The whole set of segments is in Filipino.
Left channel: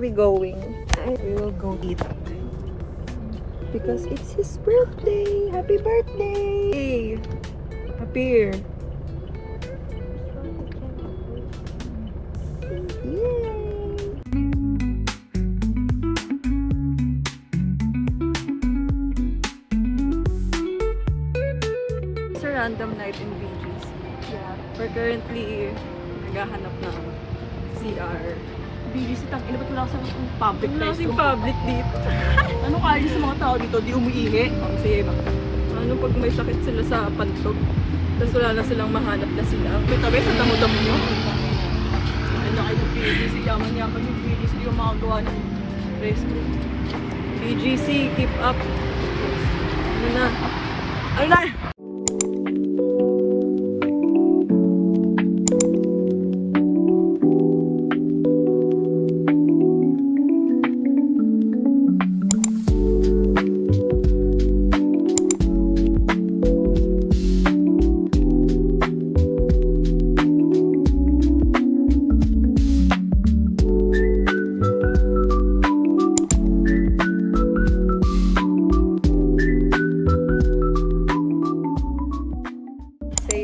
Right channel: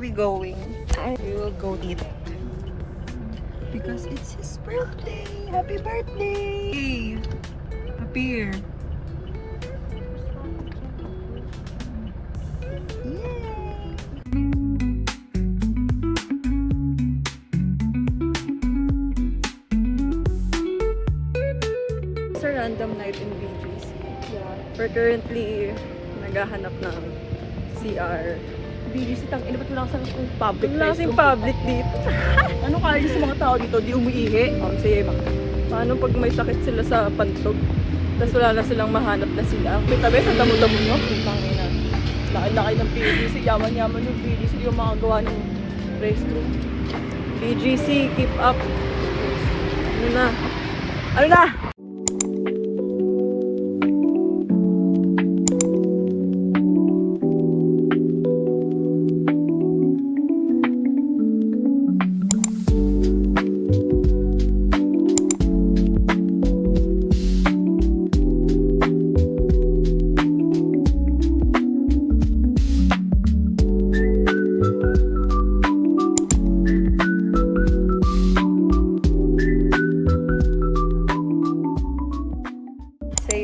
are we going? We will go eat. Because it's his birthday! Happy birthday! Appear. It's a random night in BGC. Yeah. We're currently naghahanap ng CR. BGC, tang-ina, ba't wala kasing public? Wala kasing public dito. Ano kaya sa mga tao dito? Di umiihi? Sige ba? Paano pag may sakit sila sa pantog? Tapos wala na silang mahanap na sila. May tabi sa damo-damo nyo? Laki-laki ng BGC, yaman-yaman yung BGC, yung mga gawa ng restroom. BGC, keep up. Ano na? Ano na?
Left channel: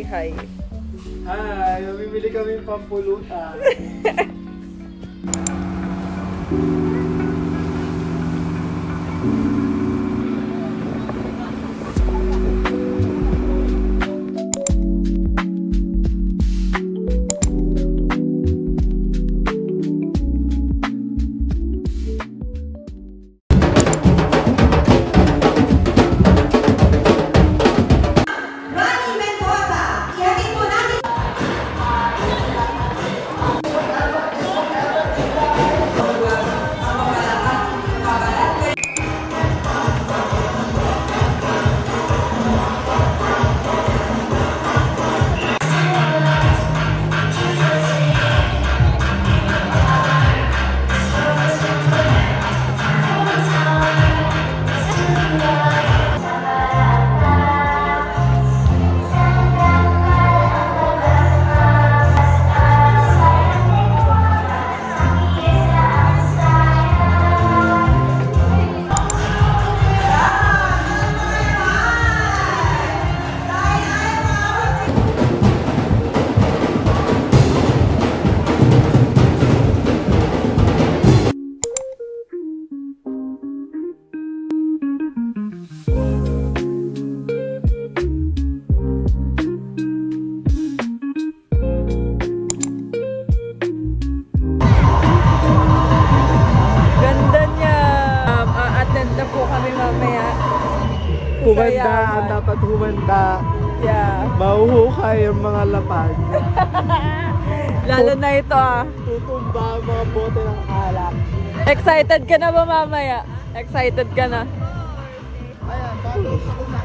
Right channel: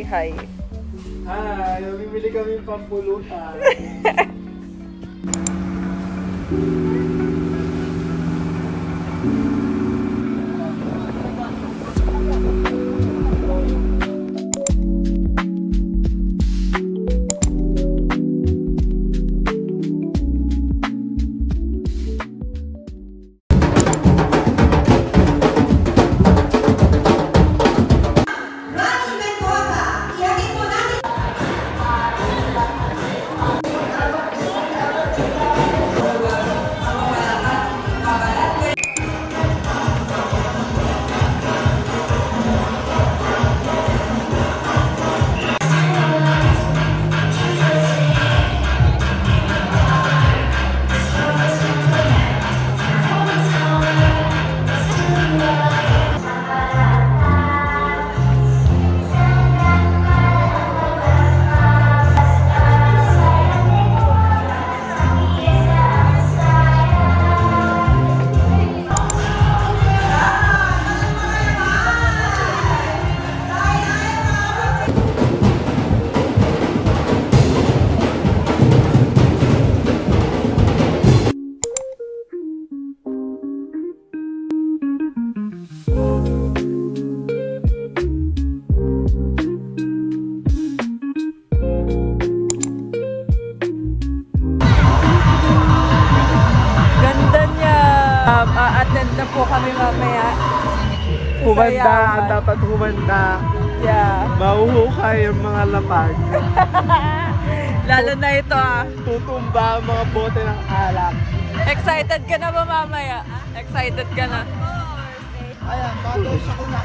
Hi. Hi, bibili kami pampulutan. A-attend na po kami mamaya. Humanda, ang dapat humanda. Yeah. Mahuhukay yung mga lapag. Lalo na ito Pukumba, mga bote ng alak. Excited ka na ba mamaya? Excited ka na? Ayan, bago siya kuna.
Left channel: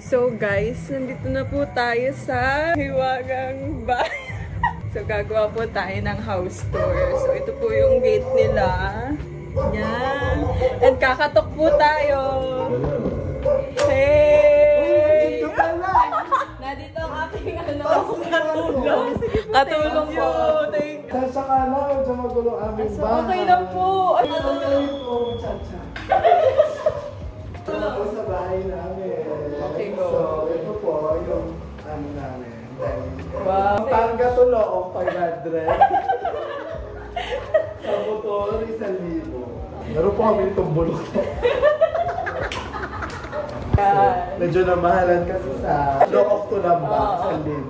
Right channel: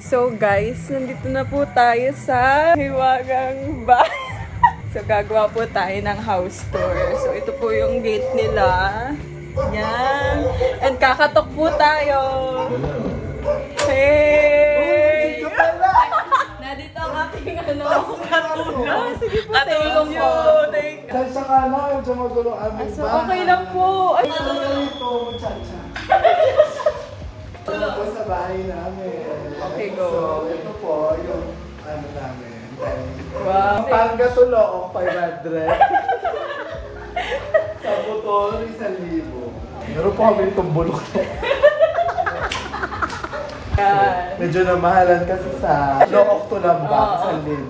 So guys, nandito na po tayo sa Hiwagang Bahay. So gagawa po tayo ng house tour. So ito po yung gate nila. Yan. And kakatok po tayo. Hey! Nandito ang aking katulong. Katulong po. Chacha ka na, medyo magulo aming So bahay. okay lang po. Ito po, chacha. Ito po sa bahay namin. Okay, go. So, ito po yung ano namin. Wow. Panggatulong, 500. Sa motor, 1,000. Meron po kami itong bulok to. Medyo namahalan kasi sa Look to Lambak, 1,000 rin.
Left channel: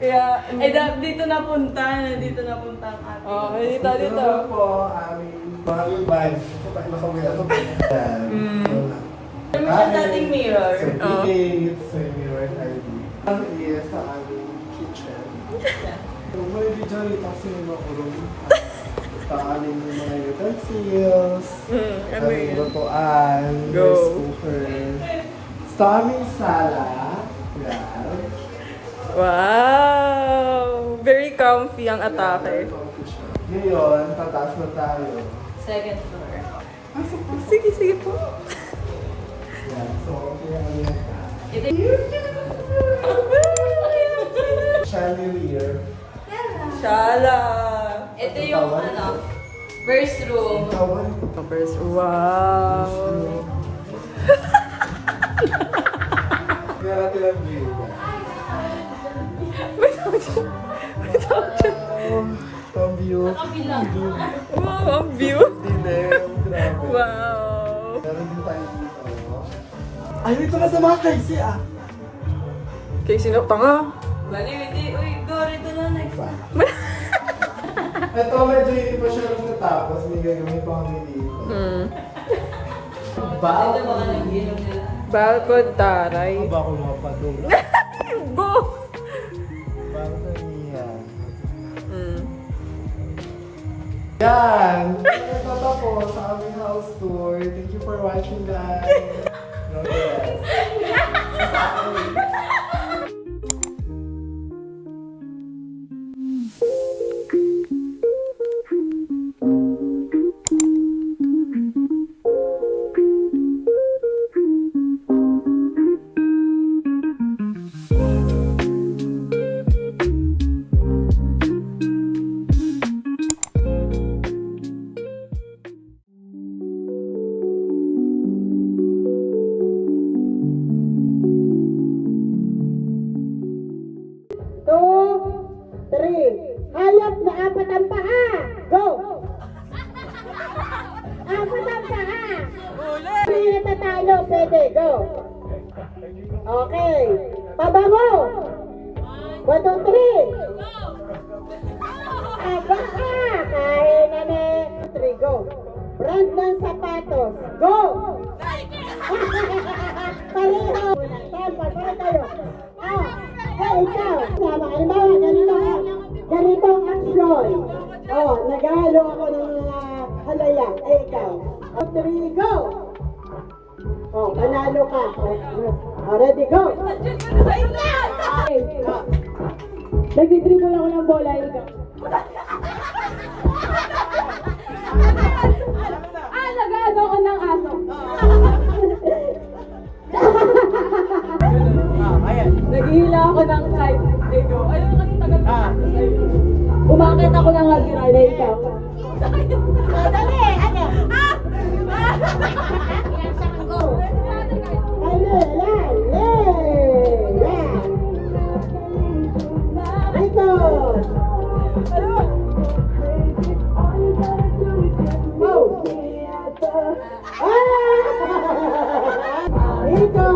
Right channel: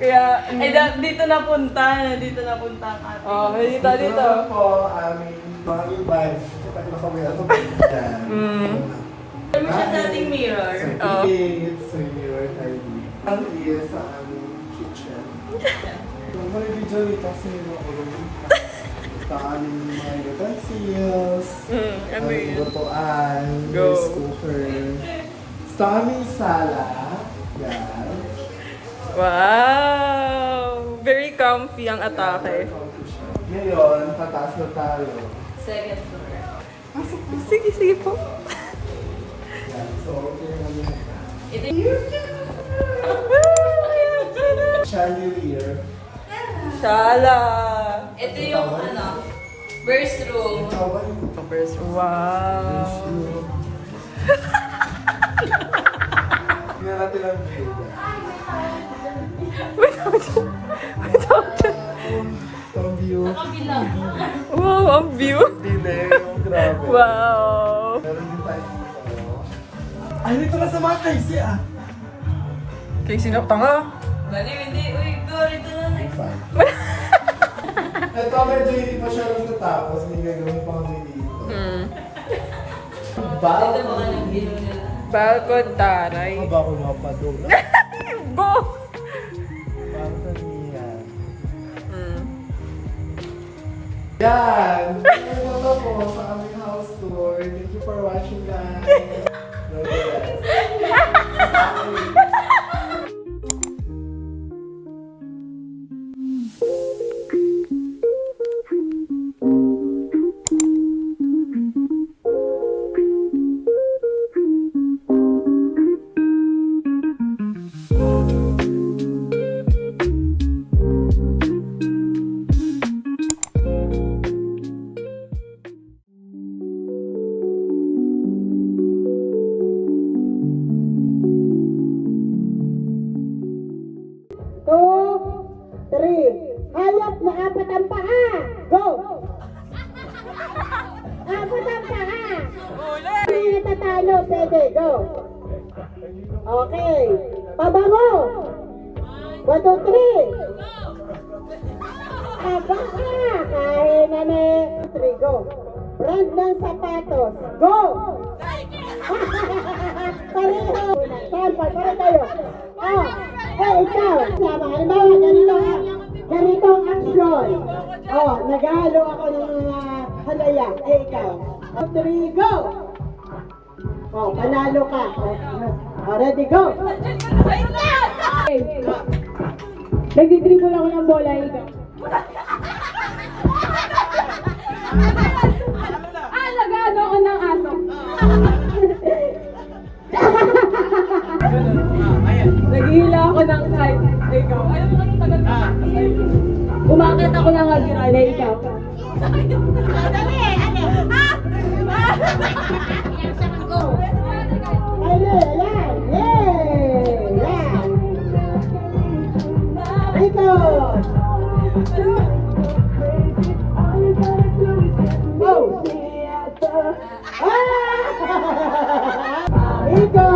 Kaya, dito napunta ang ating. Oh, dito. Ito po aming mga e-bike. Kasi pag nakawin ako, yan. Kami sa dating mirror. So, it's a mirror ID. Ang iya sa aming kitchen. Kung may video ito kasi makulong. Ito aming mga utensils. Ano yun? Lutuan. Go. Rice cooker. Ito aming sala. Yan. Wow! Very comfy ang atake. Ngayon, tataas na tayo. Second floor. Sige po. Yan. So, okay na kami yan. Ito Chandelier. Shala! Ito yung ano, First room. First, wow. Kaya natin ang view. Ang view. Wow, ang view. Grabe. Wow. Meron din tayo dito. Ay, dito na sa mga kaisi ah. Kay sino? Tanga. Bali, hindi. Uy, go, rito na next. Ito medyo hindi pa siya lang natapos. May gagawin pang dito. Ito mga nag-view nila. Balcon taray. Ba ako mapadula? Go! Balcon niya. Yan! Ito na po sa aming house tour. Thank you for watching guys. No, yes. Hayop na apat ang paa. Go! Apat ang paa. Uli! Hindi natatalo. Pwede. Go. Okay. Pabango. 1, 2, 3. Aba ka. Kain na ni. 3. Go. Brand ng sapatos. Go! Pareho. Sample. Para tayo. Ikaw. Ganito ang action. Naghahalo ako ng halaya. Ikaw. 3, go! Manalo ka. Ready, go! Nagdi-dribble ako ng bola. Ikaw. Nag-ano ako ng aso. Naghihila ako ng kite. Ikaw. Ayaw mo tagal ka. Umakit ako ng agirala. Ikaw. Dali! Ano? Go! Ano? Yan! Ikaw! Go! Ikaw!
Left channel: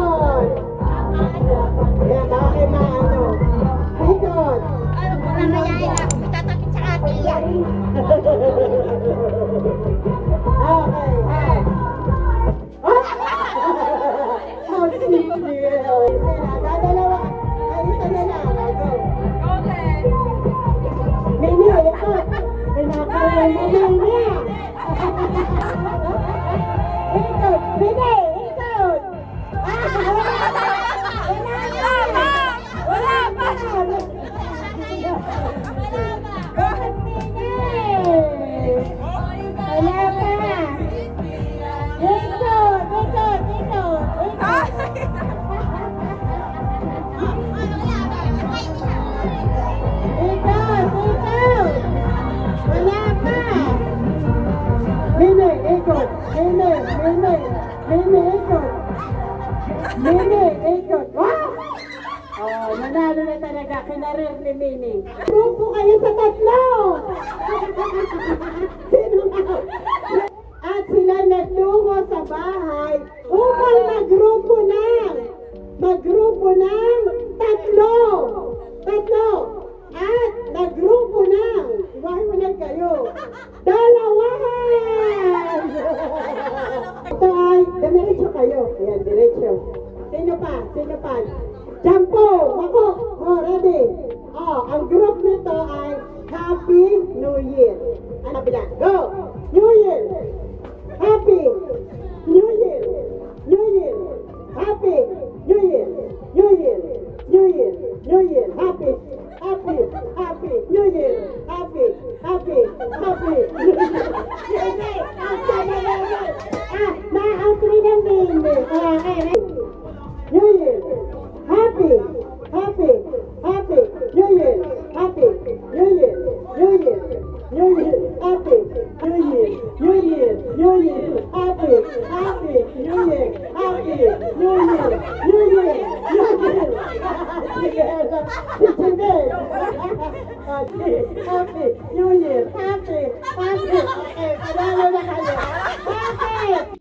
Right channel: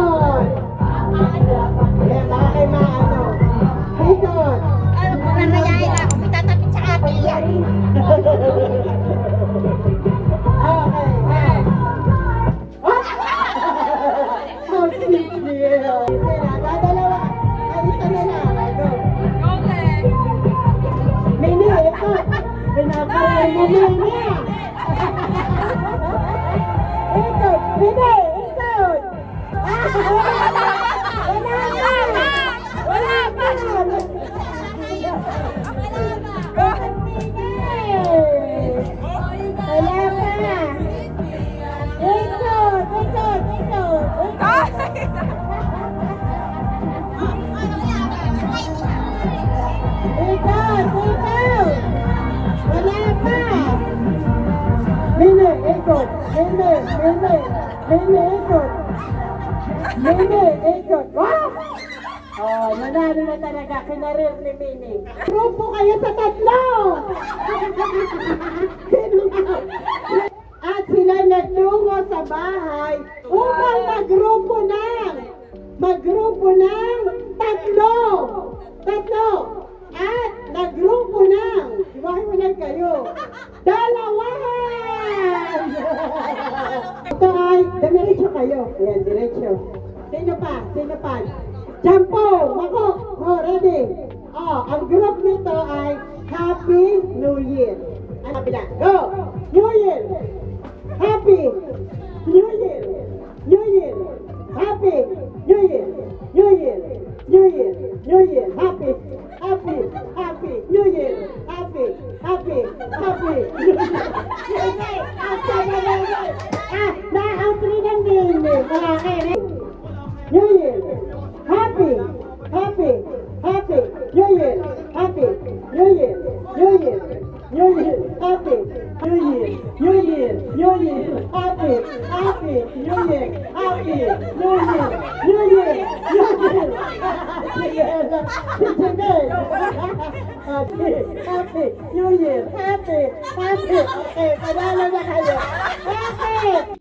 Nanalo na talaga, kinarir ni Mini. Grupo kayo sa tatlo! At sila nagtungo sa bahay upang maggrupo ng tatlo! At naggrupo ng, iwahimunan kayo, 2! Ito ay, diretso kayo. Ayan, diretso. Sino pa? Jampo! Ako! Ready? Ang group nito ay Happy New Year. Ano bila? Go! New Year! Happy New Year! New Year! Happy New Year! New Year! New Year! New Year! Happy New Year! Happy New Year! Na-outri ng baby. Kaya kayo. New Year! Happy New Year! Happy New Year! New Year! Happy New Year! Si Jimmy. Happy New Year. Happy. Okay, panalo na kayo. Happy.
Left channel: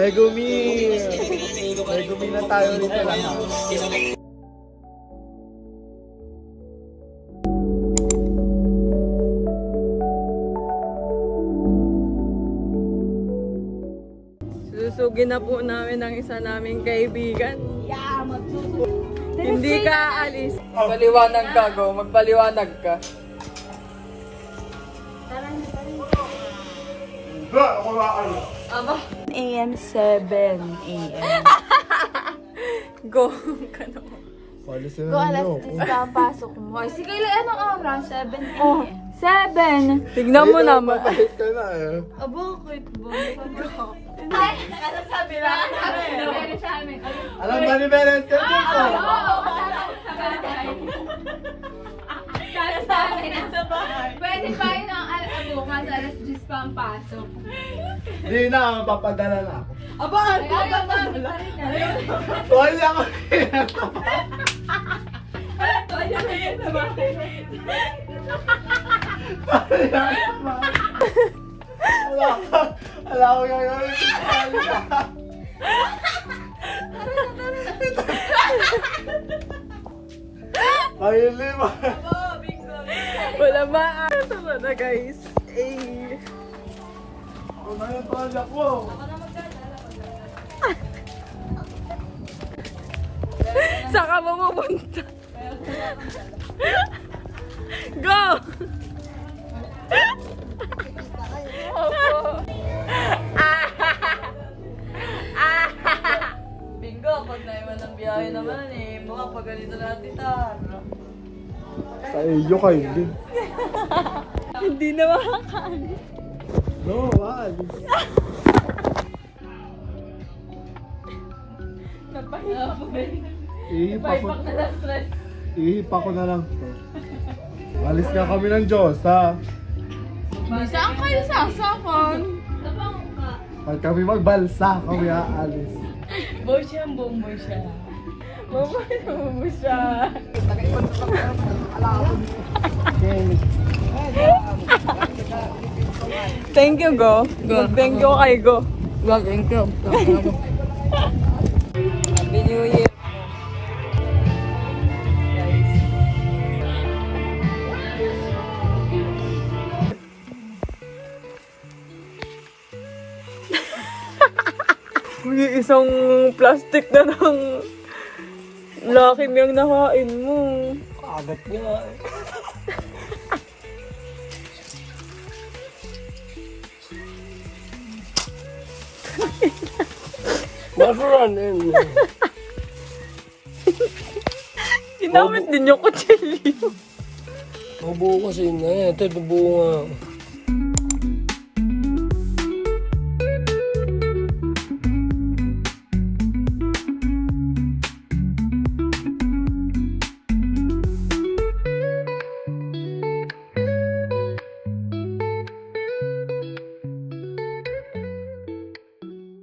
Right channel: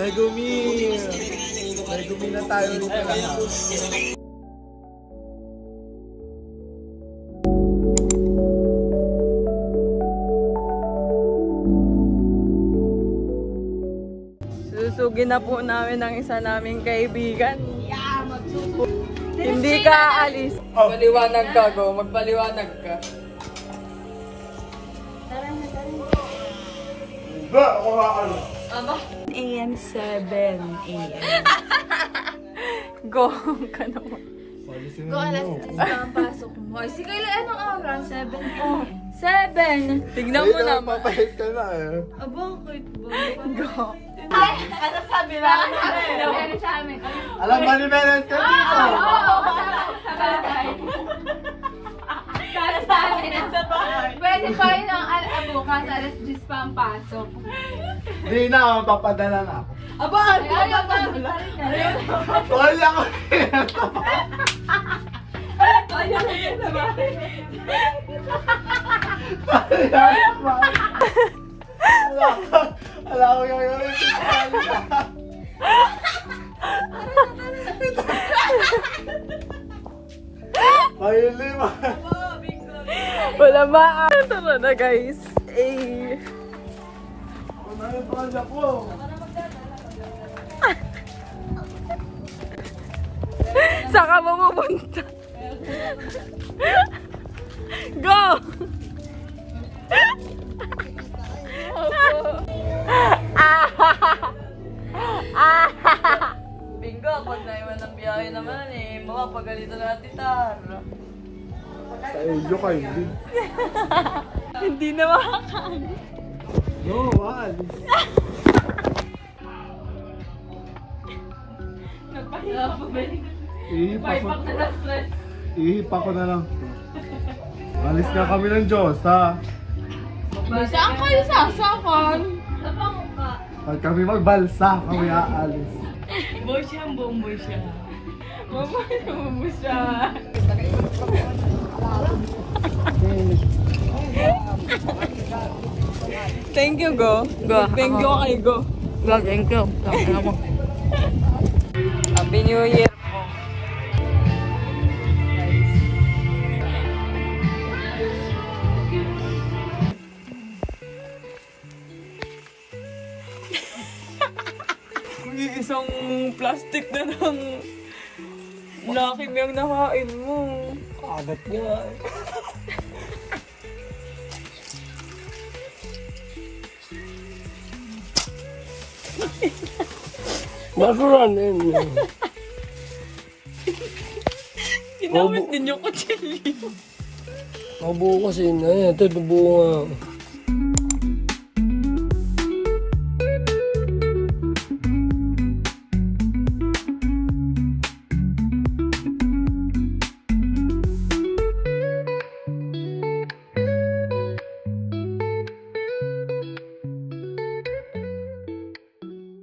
Megumi na tayo dito lahat. Susugin na po namin ang isa naming kaibigan. Hindi ka aalis. Magpaliwanag ka, Go. Magpaliwanag ka. Ba, ako ano? AM 7 AM. Go ka naman. Palisin na ninyo. Pasok mo. Sige, anong oras? 7 Oh, 7. Tignan mo naman. Kahit ka na eh. Bakit ba? Ay, ano sabi lang? Ano sa amin? Alam ba ni Beres ka dito? Sa amin. Pwede pa yun ang bukas, alas 10 pa ang pasok. Hindi na, mapapadala na ako. Aba, ano ba? Wala ko. Wala ko gagawin. Ayun lima. Wala ba? Tara na guys. Eh. Ano yung pala ko? Saan ka ba pupunta? Go! Bingo, pag naiwan ng biyahe naman eh, mga pagalito na natin Sa iyo kayo din. Hindi na makakaano. No, wal. Ihipa ko na lang to. Alis na kami ng Diyos, ha? Saan kayo sasakon? Pag kami magbalsa, kami aalis. Boy siya, bomboy siya. Bomboy siya. Thank you, Go. Thank you kay Go. Thank you. Happy New Year. Guys. May isang plastic na ng Lucky Me ang nakain mo. Agat niya. Mabuhan din. Ginamit din yung kutsilyo. Mabuo kasi na. Ito, bubuo nga.